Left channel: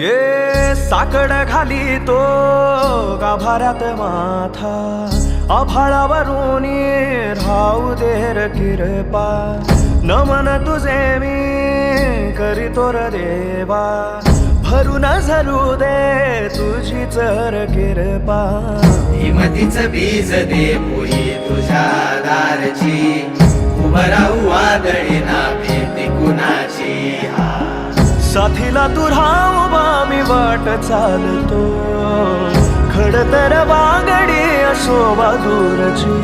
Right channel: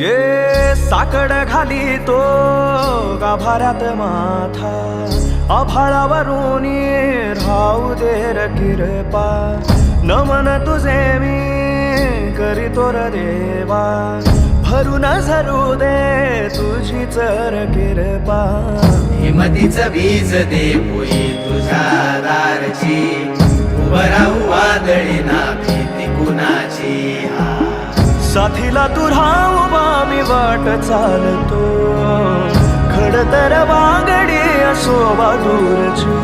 ये साकड घाली तो गाभाऱ्यात माथा, आभाळावरून राहू दे र किरपा. नमन तुझे मी करीतो र देवा, भरून झरू दे तुझी चर किरपा. हिमतीच बीज दे पोई तुझ्या दारची, उभं राहू वादळी ना भीती कुणाची. साथीला तू राहूबा मी वाट चालतो, खडतर वागडी असो दूरची.